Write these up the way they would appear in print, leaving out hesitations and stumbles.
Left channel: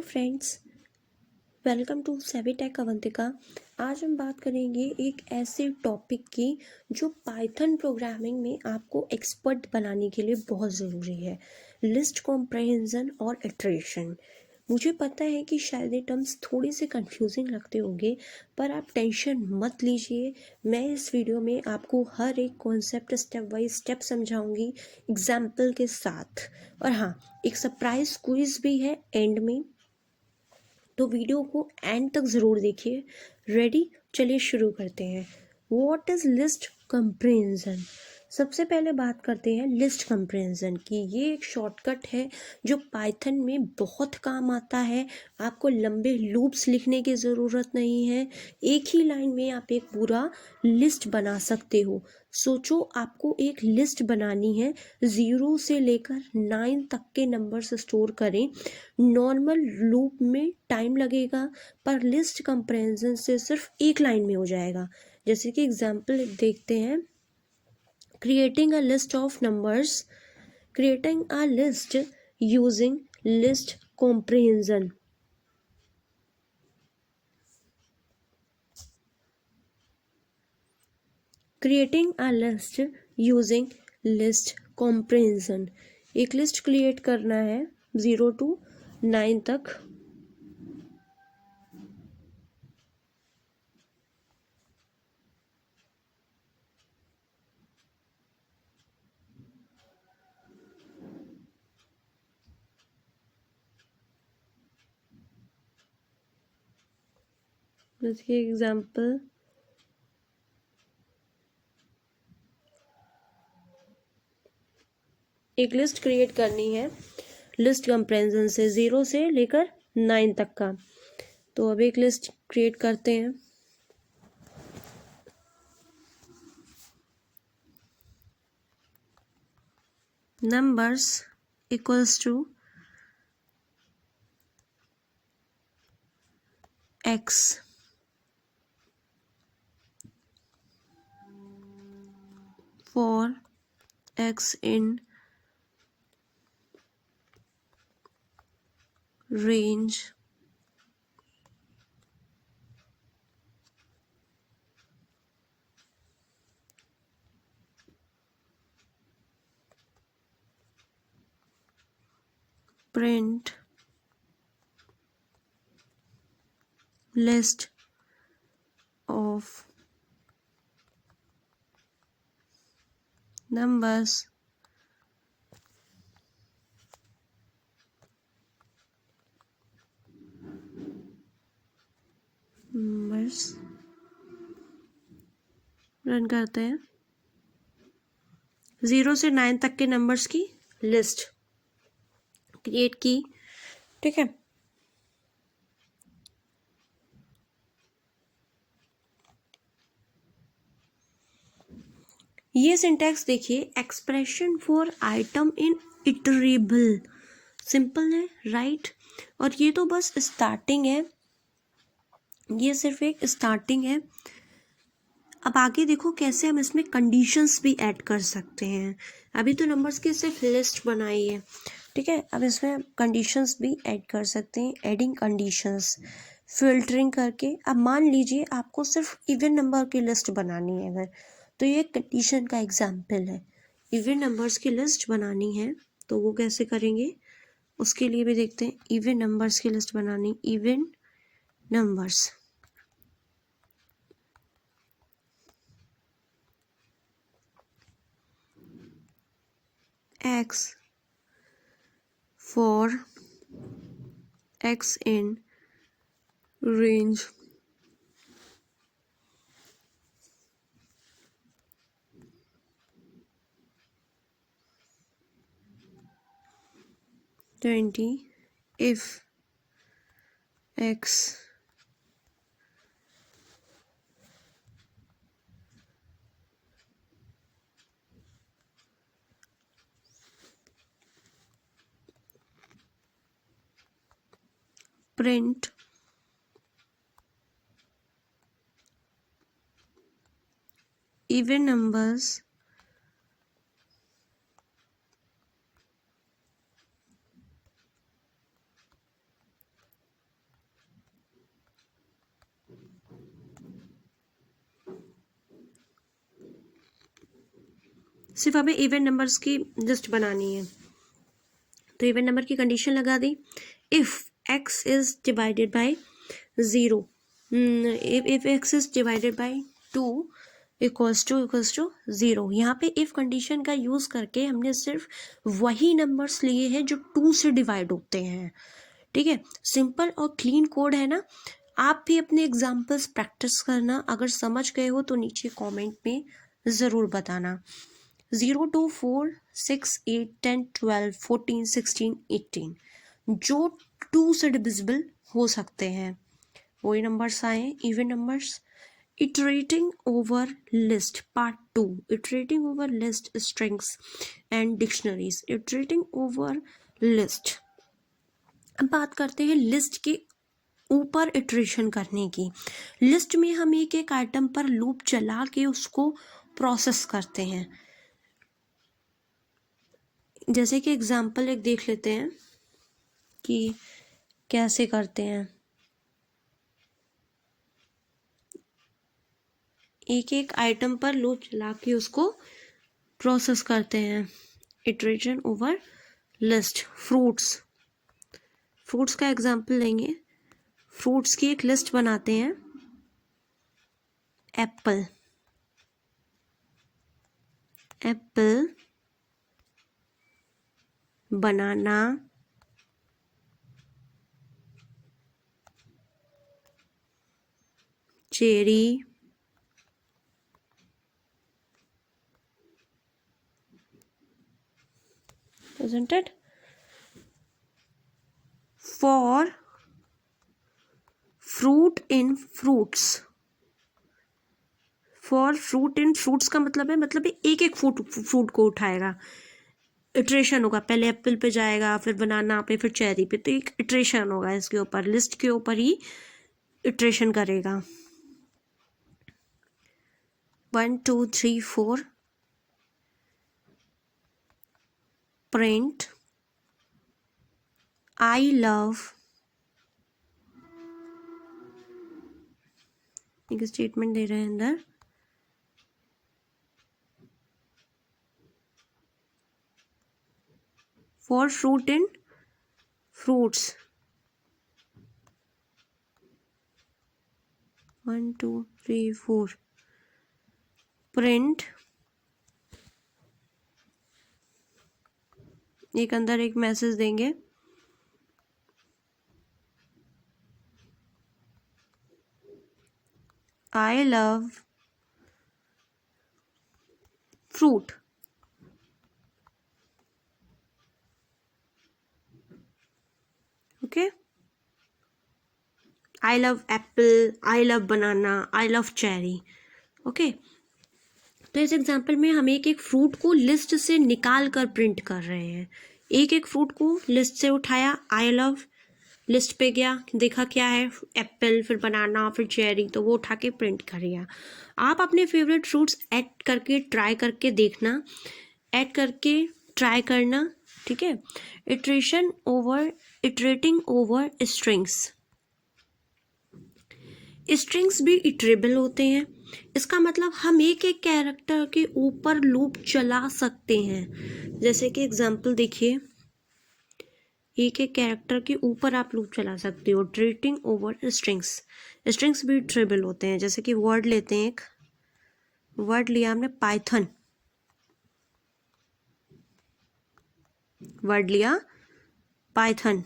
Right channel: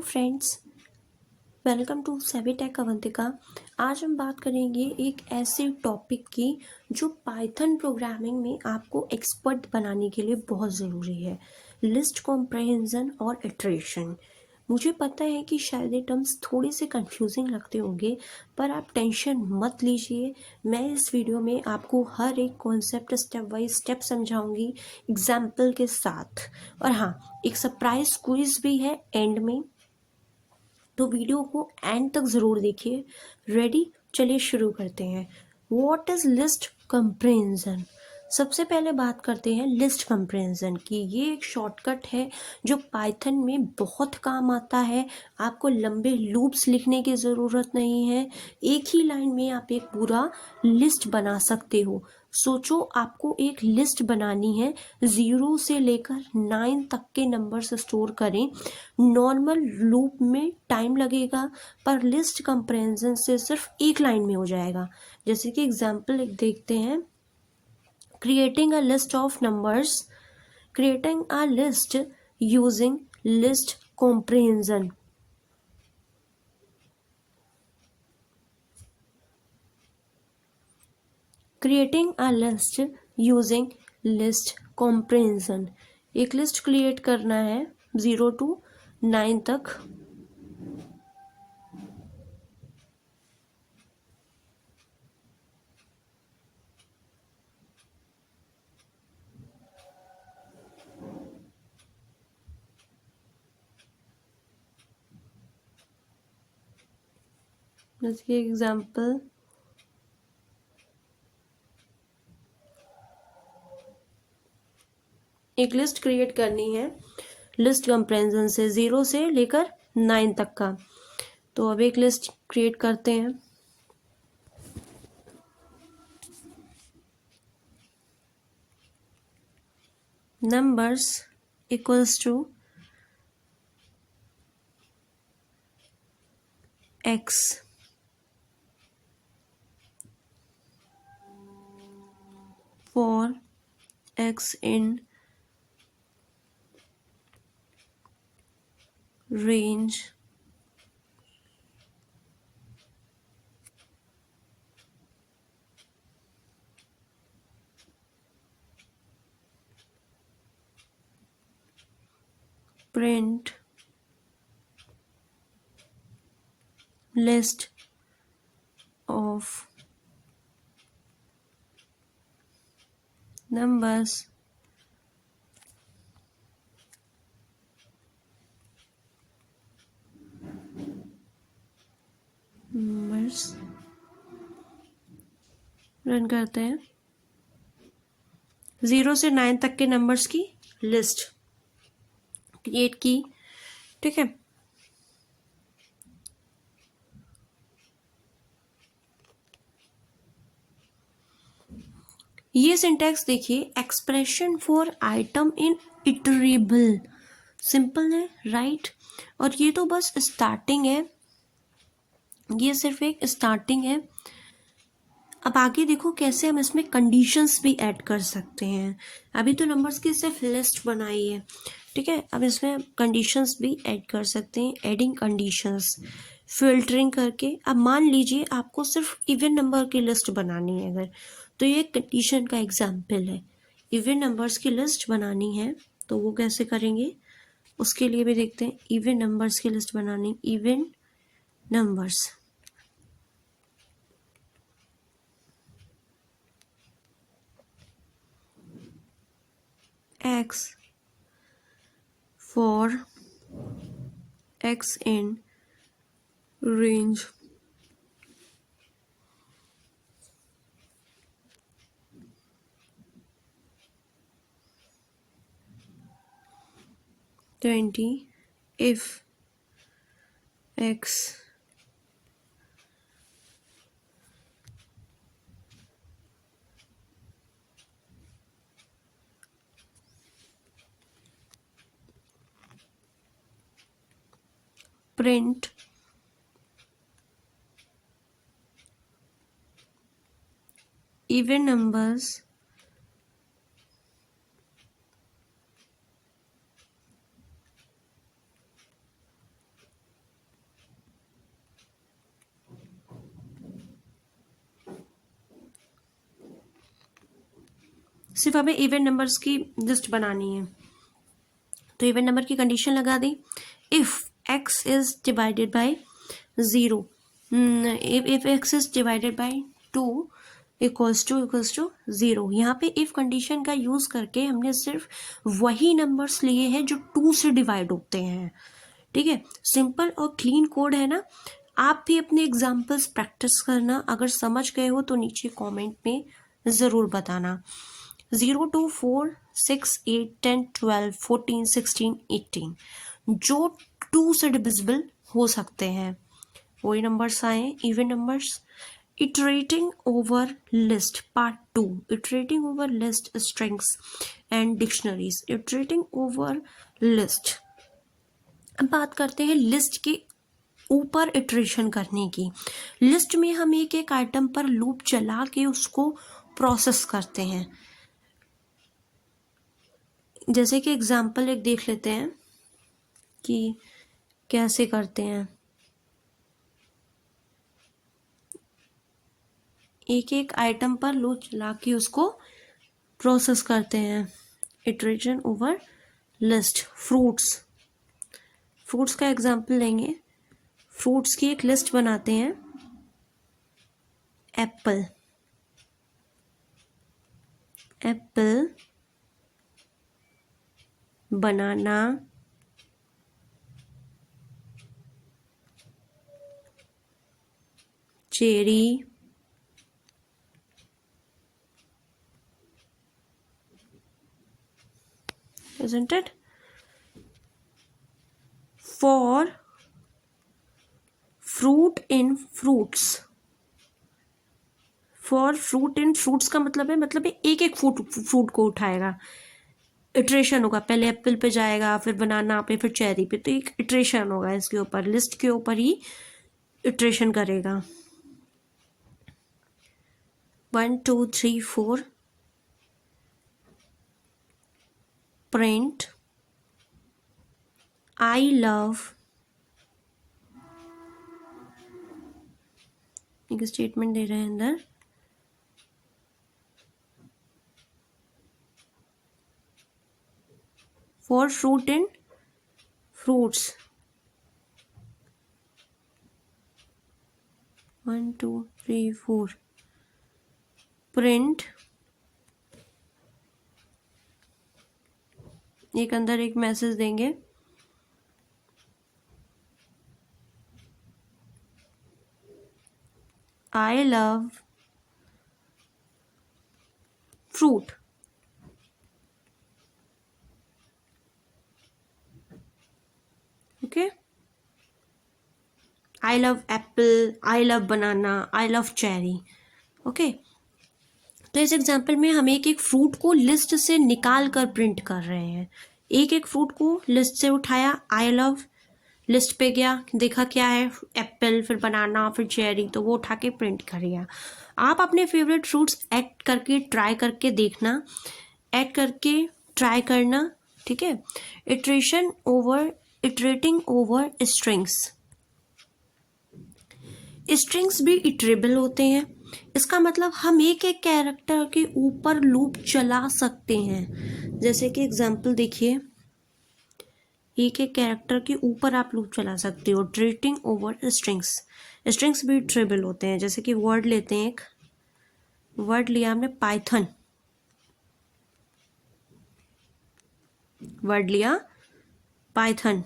Hello friends, welcome to सभी take Avantika. आज हम बात करेंगे एक ऐसे टॉपिक की जो पाइथन प्रोग्रामिंग में आपको एक्सपर्ट बनाने के लिए बहुत ज़रूरी है, लिस्ट कॉम्प्रहेंजन और इटरेशन। मुझे पता है कि शायद ये टर्म्स थोड़े से कंफ्यूजिंग लगते होंगे, पर आप टेंशन मत लीजिए। मैं इस वीडियो में आपको हर एक कॉन्सेप्ट स्टेप बाय स्टेप समझाऊंगी एग्जाम्पल के साथ। और हाँ, एक सरप्राइज क्विज भी है एंड में, तो वीडियो को एंड तक ज़रूर देखिए। रेडी, चलिए शुरू करते हैं। What is list comprehension? सबसे पहले बात करते हैं लिस्ट कंप्रेहेंजन की। ये एक शॉर्टकट है जो पाइथन में बहुत काम आता है। आपको लंबे लूप्स लिखने की ज़रूरत नहीं है, एक ही लाइन में आप एक पूरा लिस्ट बना सकते हो। सोचो, आपको एक लिस्ट बनानी है, 0 से लेकर 9 तक के नंबर्स स्टोर करें। नॉर्मल लूप में टाइम लगेगा, पर लिस्ट कंप्रेहेंजन से सिर्फ एक लाइन में हो जाएगा। जैसे कि एग्जांपल देखते हैं, creating a list of numbers, creating a list using list comprehension. Creating a list using list comprehension. एक लिस्ट क्रिएट करना है 0 to 9 तक। जैसे एग्जाम्पल, एक लिस्ट क्रिएट करनी है लिस्ट कंप्रेहेंजन से 0 से लेकर 9 तक का। तो अब एक लिस्ट क्रिएट करते हैं। Numbers equals to x for x in range print list of numbers run करते हैं। 0 से 9 तक के नंबर्स की लिस्ट क्रिएट की, ठीक है। ये सिंटैक्स देखिए, expression for item in iterable, simple है, राइट। और ये तो बस स्टार्टिंग है, ये सिर्फ एक स्टार्टिंग है। अब आगे देखो कैसे हम इसमें कंडीशंस भी ऐड कर सकते हैं। अभी तो नंबर्स की सिर्फ लिस्ट बनाई है, ठीक है। अब इसमें कंडीशंस भी ऐड कर सकते हैं, एडिंग कंडीशंस, फिल्टरिंग करके। अब मान लीजिए आपको सिर्फ इवन नंबर की लिस्ट बनानी है अगर, तो ये कंडीशन का एग्जाम्पल है। इवन नंबर्स की लिस्ट बनानी है तो वो कैसे करेंगे, उसके लिए भी देखते हैं। इवन नंबर्स की लिस्ट बनानी, even numbers x for x in range 20 if x print even numbers सिर्फ हमें इवन नंबर्स की लिस्ट बनानी है। तो इवन नंबर की कंडीशन लगा दी, if x is divided by 0, if x is divided by 2 equals to 0। यहाँ पे इफ कंडीशन का यूज करके हमने सिर्फ वही नंबर्स लिए हैं जो 2 से डिवाइड होते हैं। ठीक है, सिंपल और क्लीन कोड है ना। आप भी अपने एग्जाम्पल्स प्रैक्टिस करना, अगर समझ गए हो तो नीचे कमेंट में ज़रूर बताना। 0 to 4, 6, 8, 10, 12, 14, 16, 18 जो 2 से डिविजिबल हो सकते हैं वही नंबर्स आए, even numbers. Iterating over list part 2, iterating over list strings and dictionaries. Iterating over list, अब बात करते हैं लिस्ट के ऊपर इटरेशन करने की। लिस्ट में हम एक एक आइटम पर लूप चला के उसको प्रोसेस करते हैं। जैसे कि एग्जांपल एक देख लेते हैं कि कैसे करते हैं। एक एक आइटम पर लूप चला के उसको प्रोसेस करते हैं। Iteration over list. फ्रूट्स का एग्जांपल लेंगे। फ्रूट्स की एक लिस्ट बनाते हैं। Apple, banana, cherry, isn't it? For fruit in fruits, for fruit in fruits का मतलब है एक एक फ्रूट को उठाएगा। इटरेशन होगा, पहले एप्पल पे जाएगा, फिर बनाना पे, फिर चेरी पे, तो एक इटरेशन होगा इसके ऊपर, लिस्ट के ऊपर ही इटरेशन करेगा। 1 2 3 4 प्रिंट आई लव, एक स्टेटमेंट दे रहे हैं अंदर, for fruit in fruits. 1 2 3 4 print, एक अंदर एक मैसेज देंगे, I love fruit. Okay, I love Apple, I love banana, I love cherry. Okay, तो इस एग्जाम्पल में हम एक एक फ्रूट को लिस्ट से निकाल कर प्रिंट कर रहे हैं। एक एक फ्रूट को लिस्ट से उठाया, आई लव, लिस्ट पे गया, देखा क्या है, एप्पल, फिर बनाना, फिर चेरी, तो वो उठा के प्रिंट कर दिया। आप अपने फेवरेट फ्रूट्स ऐड करके ट्राई करके देखना, ऐड करके ट्राई करना। ठीक है, इटरेटिंग ओवर स्ट्रिंग्स। स्ट्रिंग्स भी इटरेबल होते हैं। इसका मतलब हम एक एक कैरेक्टर के ऊपर लूप चला सकते हैं। जैसे कि एग्जांपल देखिए, एक एक कैरेक्टर के ऊपर आप लूप चला सकते हो। इटरेटिंग ओवर स्ट्रिंग्स भी इटरेबल होते हैं। जैसे कि वर्ड लेते हैं, एक वर्ड लिया हमने पाइथन, वर्ड लिया Python,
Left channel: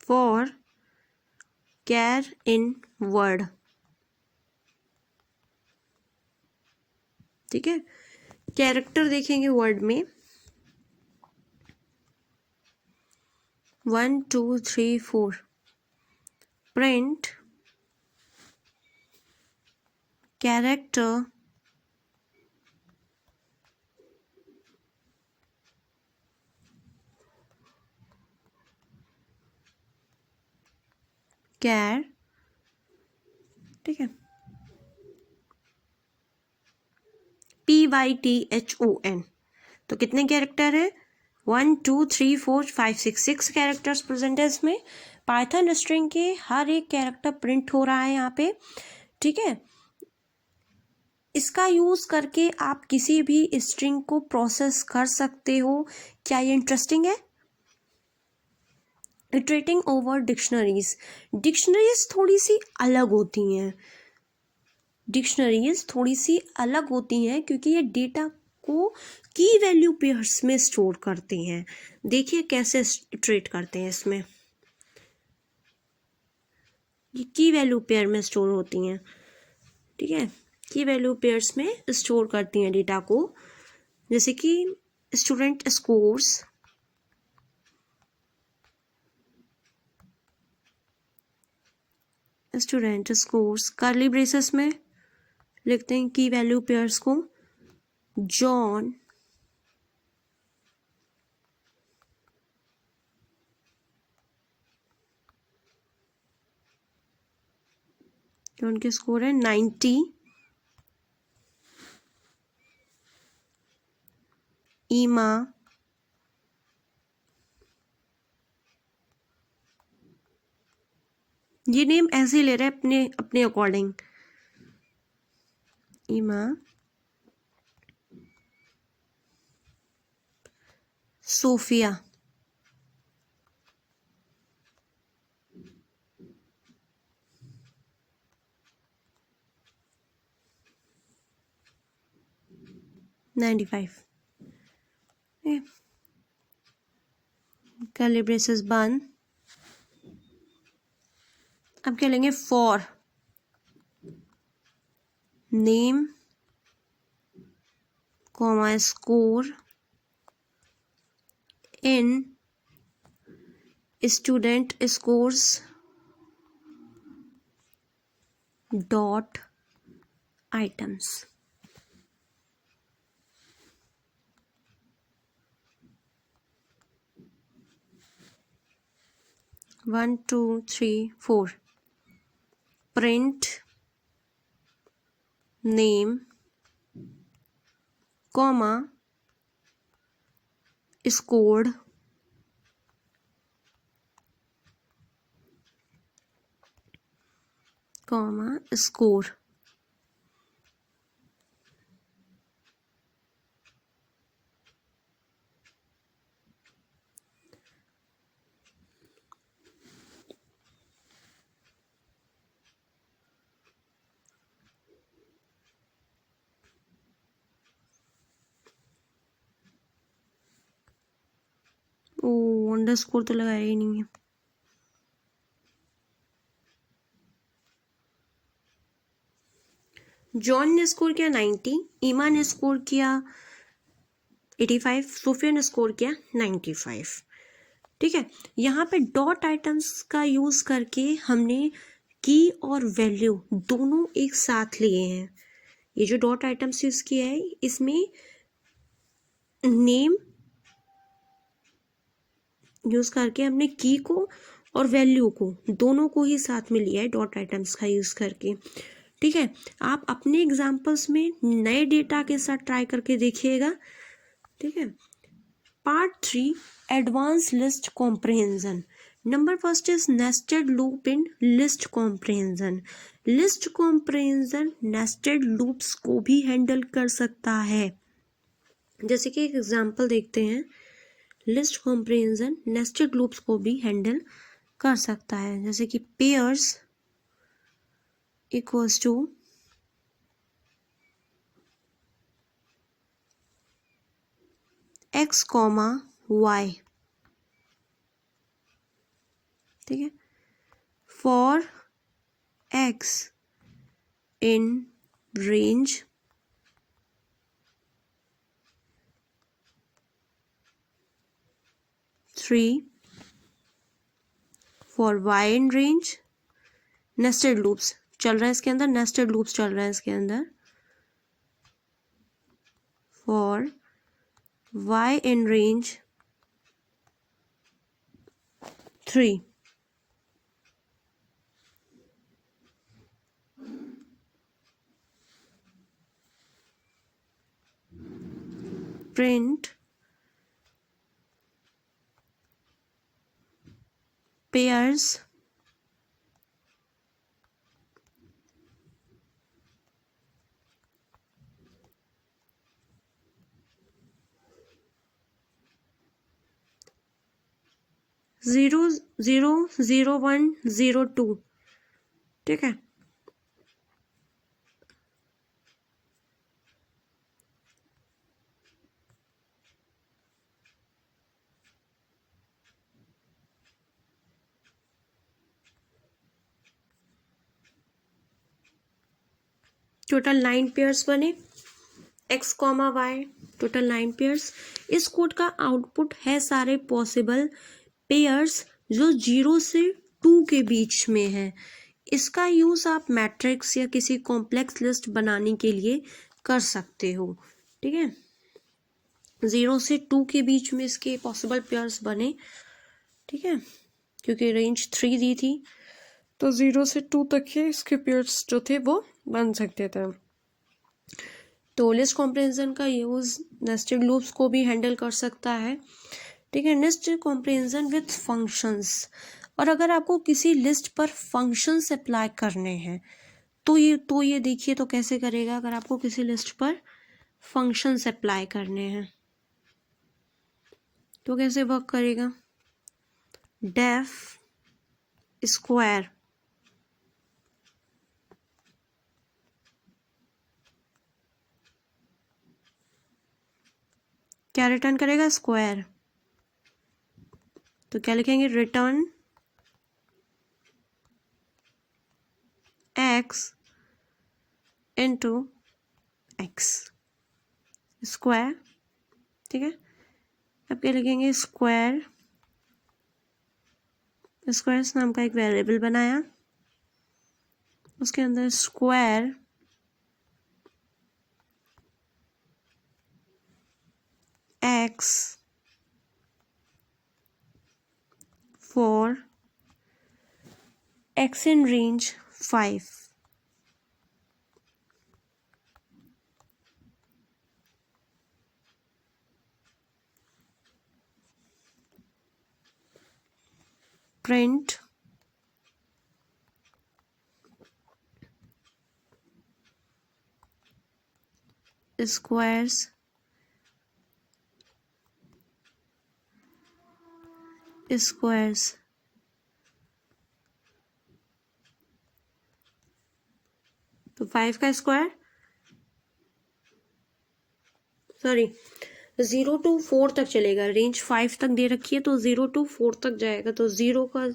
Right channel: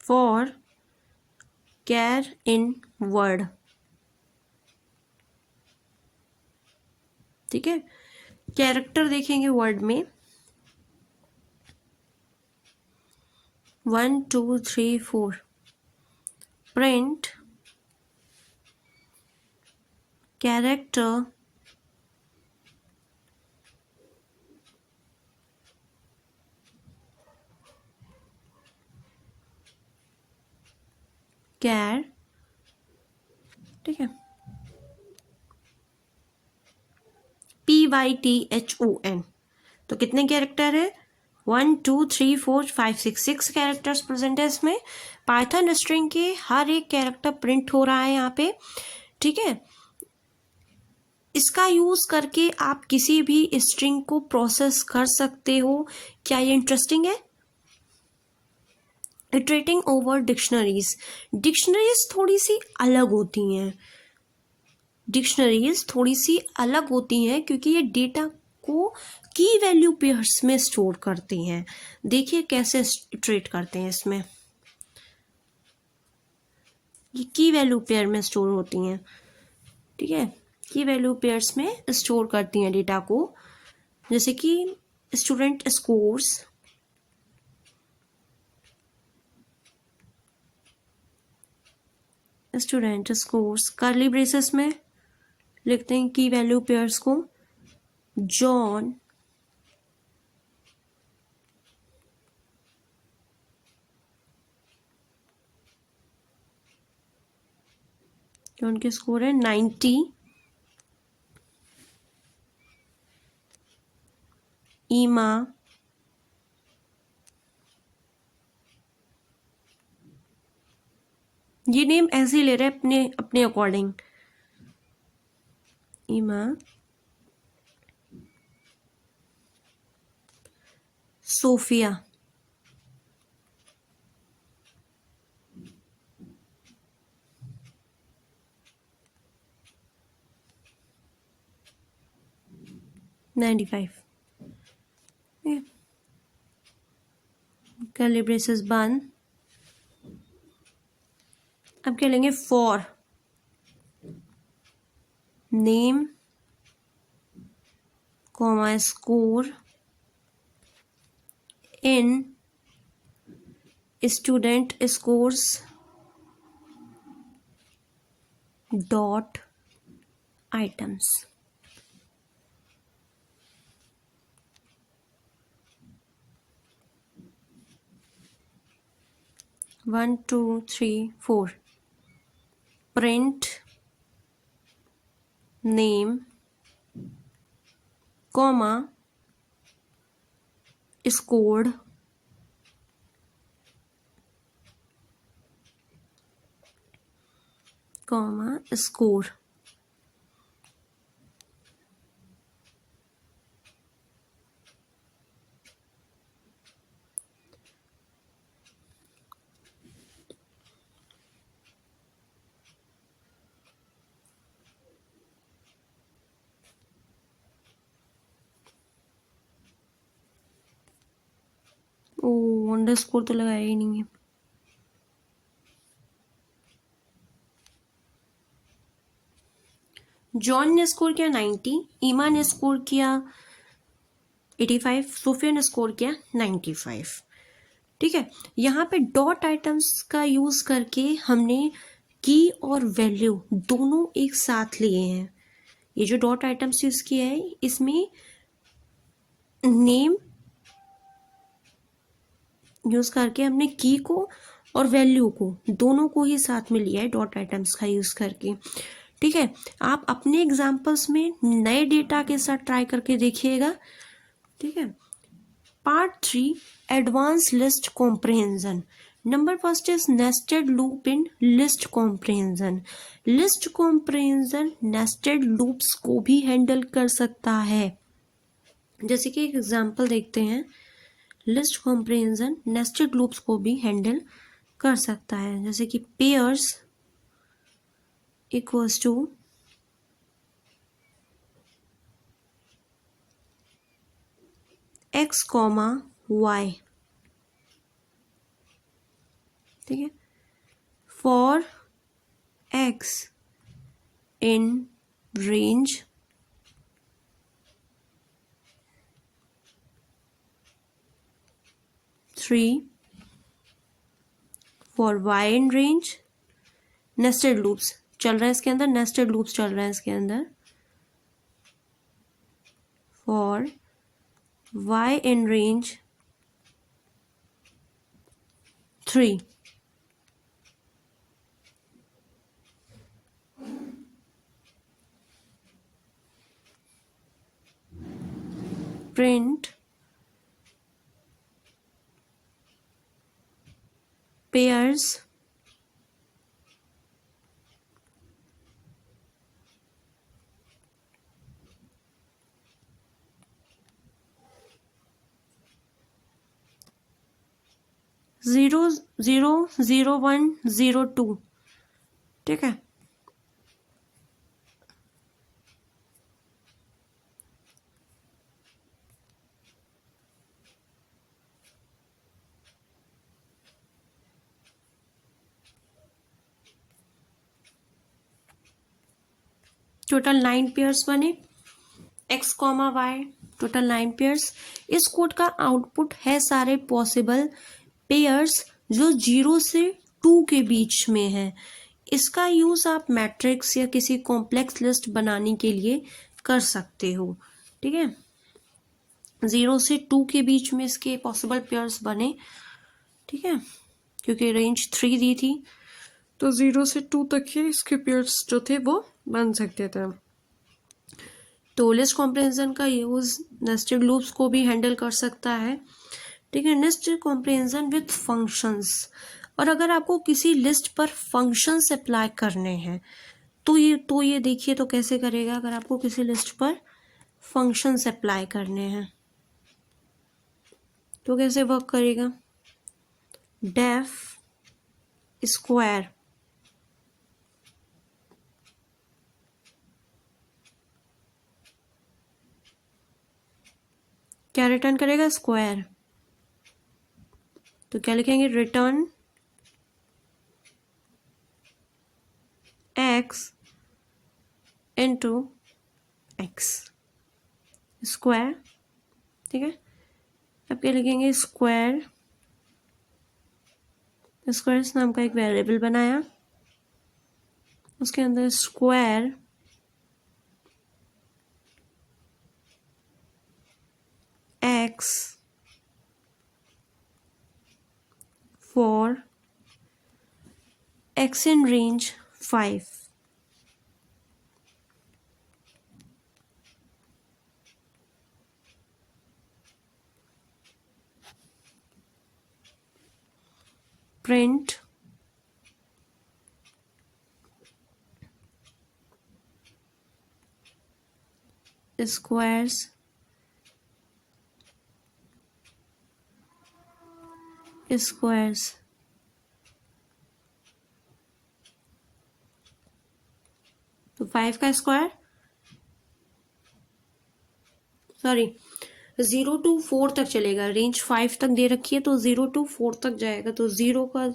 for char in word. ठीक है, कैरेक्टर देखेंगे वर्ड में 1 2 3 4 प्रिंट कैरेक्टर कैर। ठीक है, PYTHON। तो कितने कैरेक्टर है, 1 2 3 4 5 6 कैरेक्टर्स प्रेजेंट है इसमें। पाइथन स्ट्रिंग के हर एक कैरेक्टर प्रिंट हो रहा है यहाँ पे, ठीक है। इसका यूज करके आप किसी भी स्ट्रिंग को प्रोसेस कर सकते हो। क्या ये इंटरेस्टिंग है? Iterating over dictionaries. डिक्शनरीज थोड़ी सी अलग होती हैं, क्योंकि ये डेटा को की वैल्यू पेयर्स में स्टोर करती हैं। देखिए कैसे इटरेट करते हैं इसमें। ये की वैल्यू पेयर में स्टोर होती हैं, ठीक है। की वैल्यू पेयर्स में स्टोर करती हैं डेटा को, जैसे कि स्टूडेंट स्कोर्स, कर्ली ब्रेसेस में लिखते हैं की वैल्यू पेयर्स को। जॉन के स्कोर है 90। ईमा ये नेम ऐसे ही ले रहे अपने अपने अकॉर्डिंग। ईमा सोफिया, $95। कर्ली ब्रेसेस बंद। अब क्या लेंगे? For name comma score in student scores dot items. One two three four. Print name comma scored comma score. Underscore तो लगाया ही नहीं है। जॉन ने स्कोर किया 90, ईमा ने स्कोर किया 85, सोफिया ने स्कोर किया 95, ठीक है। यहाँ पे डॉट आइटम्स का यूज करके हमने की और वैल्यू दोनों एक साथ लिए हैं। ये जो डॉट आइटम्स यूज किया है इसमें नेम यूज करके हमने की को और वैल्यू को दोनों को ही साथ में लिया है डॉट आइटम्स का यूज करके, ठीक है। आप अपने एग्जांपल्स में नए डेटा के साथ ट्राई करके देखिएगा, ठीक है। Part 3 advance list comprehension. Number first is nested loop in list comprehension. List comprehension nested loops को भी हैंडल कर सकता है। जैसे कि एक एग्जांपल देखते हैं। लिस्ट कॉम्प्रिहेंशन नेस्टेड लूप्स को भी हैंडल कर सकता है, जैसे कि pairs equals to x comma y, ठीक है। For x in range three, for y in range. Nested loops चल रहा है इसके अंदर, नेस्टेड लूप्स चल रहा है इसके अंदर। For y in range 3, print pairs zero zero zero one zero two, ठीक है। टोटल 9 पेयर्स बने, x comma y, total 9 pairs. इस कोड का आउटपुट है सारे पॉसिबल पेयर्स जो 0 से 2 के बीच में है। इसका यूज आप मैट्रिक्स या किसी कॉम्प्लेक्स लिस्ट बनाने के लिए कर सकते हो, ठीक है। 0 से 2 के बीच में इसके पॉसिबल पेयर्स बने, ठीक है, क्योंकि रेंज 3 दी थी, तो 0 से 2 तक के इसके पेयर्स जो थे वो बन सकते थे। तो लिस्ट कॉम्प्रिहेंशन का यूज नेस्टेड लूप्स को भी हैंडल कर सकता है, ठीक है। नेस्टेड कॉम्प्रिहेंशन विथ फंक्शंस, और अगर आपको किसी लिस्ट पर फंक्शंस अप्लाई करने हैं तो ये देखिए तो कैसे करेगा। अगर आपको किसी लिस्ट पर फंक्शंस अप्लाई करने हैं तो कैसे वर्क करेगा। डेफ स्क्वायर, क्या रिटर्न करेगा, स्क्वायर। तो क्या लिखेंगे, return x into x square, ठीक है। अब क्या लिखेंगे, स्क्वायर, स्क्वायर्स नाम का एक वेरिएबल बनाया, उसके अंदर square x for x in range 5, print squares तो 5 का स्क्वायर, सॉरी 0 to 4 तक चलेगा, रेंज 5 तक दे रखी है तो 0 to 4 तक जाएगा। तो 0 का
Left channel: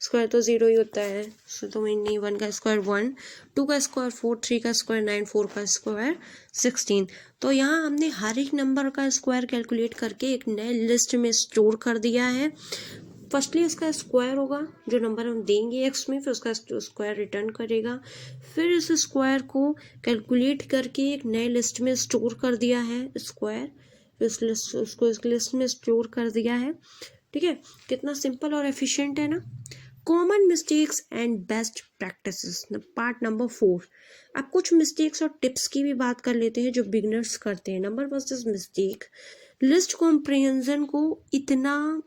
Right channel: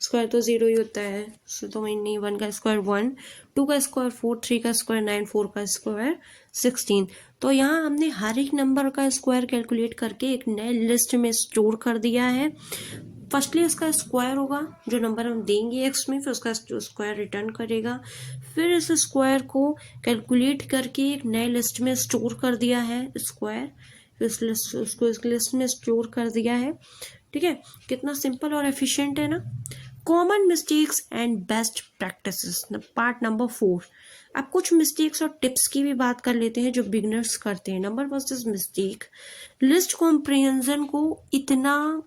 स्क्वायर तो 0 ही होता है, तो नहीं, 1 का स्क्वायर 1, 2 का स्क्वायर 4, 3 का स्क्वायर 9, 4 का स्क्वायर 16। तो यहाँ हमने हर एक नंबर का स्क्वायर कैलकुलेट करके एक नए लिस्ट में स्टोर कर दिया है। फर्स्टली इसका स्क्वायर होगा, जो नंबर हम देंगे एक्स में, फिर उसका स्क्वायर रिटर्न करेगा। फिर इस स्क्वायर को कैलकुलेट करके एक नए लिस्ट में स्टोर कर दिया है, स्क्वायर इस लिस्ट उसको इस लिस्ट में स्टोर कर दिया है, ठीक है। कितना सिंपल और एफिशिएंट है ना। Common mistakes and best practices, part number 4। अब कुछ मिस्टेक्स और टिप्स की भी बात कर लेते हैं जो बिगनर्स करते हैं। Number first is mistake, list comprehension को इतना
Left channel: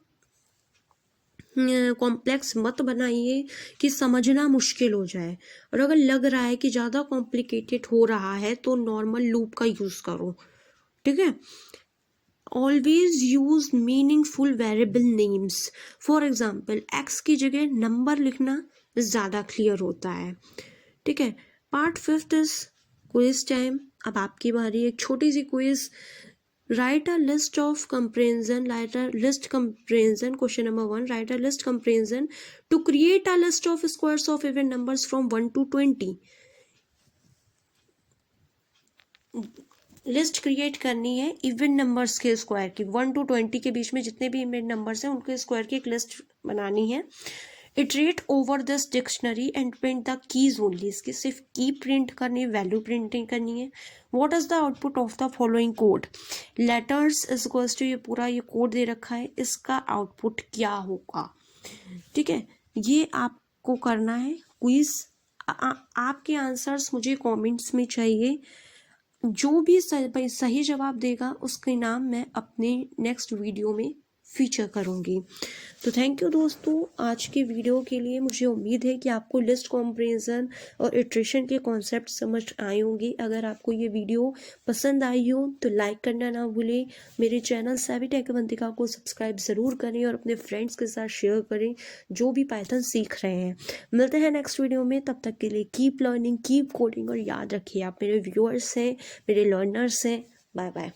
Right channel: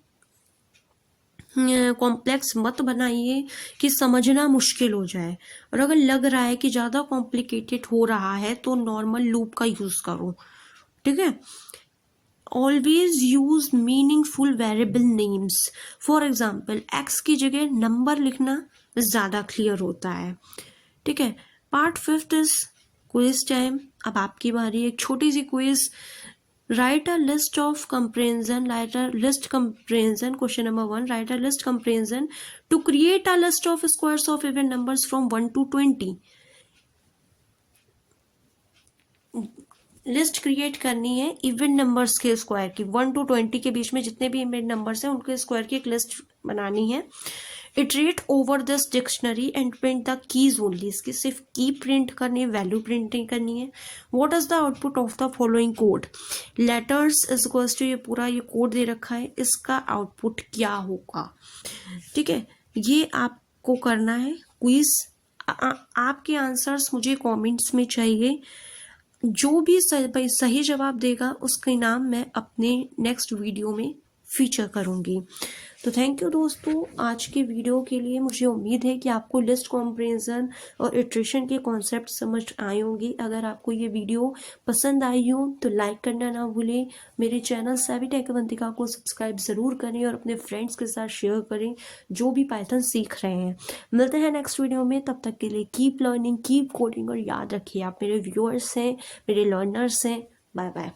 कॉम्प्लेक्स मत बनाइए कि समझना मुश्किल हो जाए, और अगर लग रहा है कि ज़्यादा कॉम्प्लिकेटेड हो रहा है तो नॉर्मल लूप का यूज़ करो, ठीक है। Always use meaningful variable names, for example x की जगह नंबर लिखना ज़्यादा क्लियर होता है, ठीक है। Part 5 is quiz time. अब आपकी बारी, एक छोटी सी quiz. Write a list of comprehension. Question number 1. Write a list comprehension to create a list of squares of even numbers from 1 to 20. List create करनी है इवन नंबर्स के square की, 1 to 20 के बीच में जितने भी इवन नंबर्स हैं उनके स्क्वायर की एक लिस्ट बनानी है। Iterate over this dictionary and print the keys only, इसकी सिर्फ की प्रिंट करनी है, वैल्यू प्रिंट नहीं करनी है। What is the output of the following code, letters equals to, ये पूरा ये कोड दे रखा है, इसका आउटपुट क्या होगा, ठीक है। ये आपको करना है क्विज। आपके आंसर्स मुझे कमेंट्स में चाहिए। जो भी सही जवाब देगा उसके नाम मैं अपने नेक्स्ट वीडियो में फीचर करूँगी। तो थैंक यू दोस्तों, आज की वीडियो के लिए। मुझे उम्मीद है कि आपको लिस्ट कॉम्प्रिहेंशन और इटरेशन के कॉन्सेप्ट समझ आए होंगे। अगर आपको ये वीडियो पसंद आई हो तो लाइक करना ना भूलें। मेरे चैनल सैवी टेक अवंतिका को सब्सक्राइब ज़रूर करें और अपने फ्रेंड्स के साथ शेयर करें जो भी पाइथन सीख रहे हैं। मिलते हैं नेक्स्ट वीडियो में, तब तक के लिए कीप लर्निंग, कीप कोडिंग, और याद रखिए आप मेरे व्यूअर्स हैं, मेरे लर्नर्स हैं। Bye bye.